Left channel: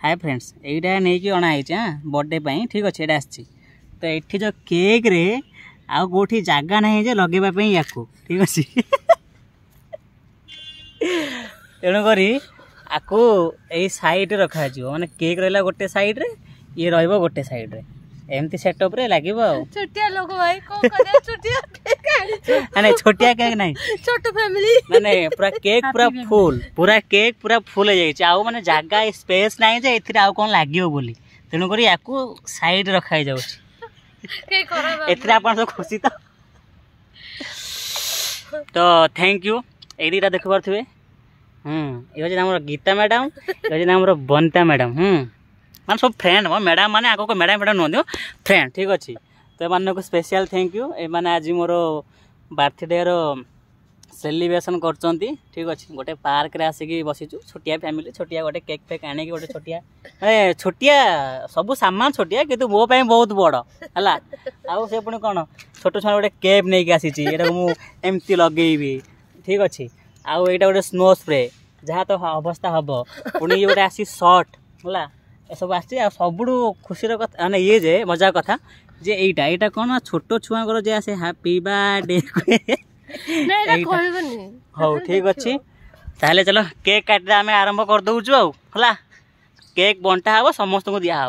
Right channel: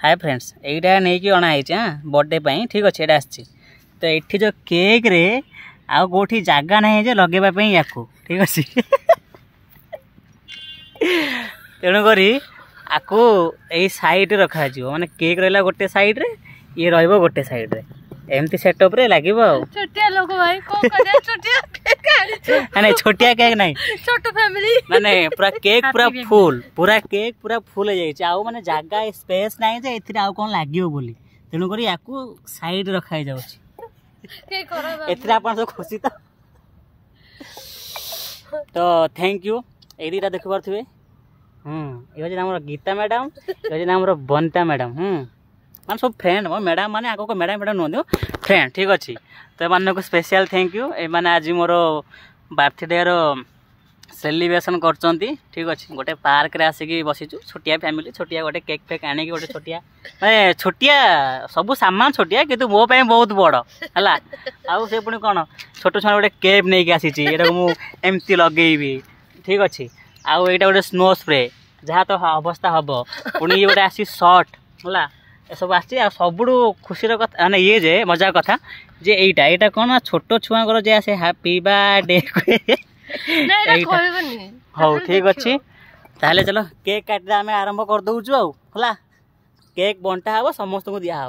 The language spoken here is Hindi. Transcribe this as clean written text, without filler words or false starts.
हाय फ्रेंड्स यहीटा नहीं कि अणाई हाँ बर्थडे ठीक अच्छे यहाँ आसी तो ये जो केक रे आउ कौटी जगह ना जे लगेवाई या ठीक अच्छे तेणुक आपको यही सैड रखा माने केक रहा गोटे सैड रे ये रहिबो गोटे साइड रे एमती सेटअप रे लागिबो छोटिया लोग भाई को करे छोटिया केक आनी माने छोटिया केक नहीं छोटो फैमिली माने पूरा केक पूरा केक पूरा फुल हो जाई आउ माने जागा स्पेस नहीं जे एथिरा आउ कोन लागियो बोली तेनु करी याकू साइड रखाई जाउ के करबा एथिरा अपन तो खुशी तो थैंक यू ए दीटा देख पारथिबे ये जे हमर गीता मैडम ये जे हमर बंता मैडम मान सब फ्रेंड मो मैडम माने आगो को मैडम मैडम नो फ्रेंड ठीक अच्छे तो मान को स्पेशल थैंक यू ए माने आज मोर बर्थडे रो सेलिब्रेशन करचंती ठीक अच्छे गोटे पार्क रे आसिकी बसीचु छोटिया फैमिली छोटिया गोटे केक फेक आने गोटे छोटिया माने छोटिया सब सामान छोटिया किंतु मो पे बहुत बड़ हला आउ से पुणी कौन छोट छुआ गोटे केप नहीं आसी मु एमती लगेबी ठीक अच्छे आउ एटा गोटे स्नो स्प्रे जहाँ तो अवस्था हम पुणी ये गोटे आसी शर्ट है सब आसी सबुठ खुशी कथा माने ये जे मजा कथा जे एटा कौन छोट छुआ जे आसे हैप्पी बर्थडे हाँ ठीक अच्छे ताहले चलो केक काट आम आरंभ कर दौचु है केक बंटा हम समस्त को दिया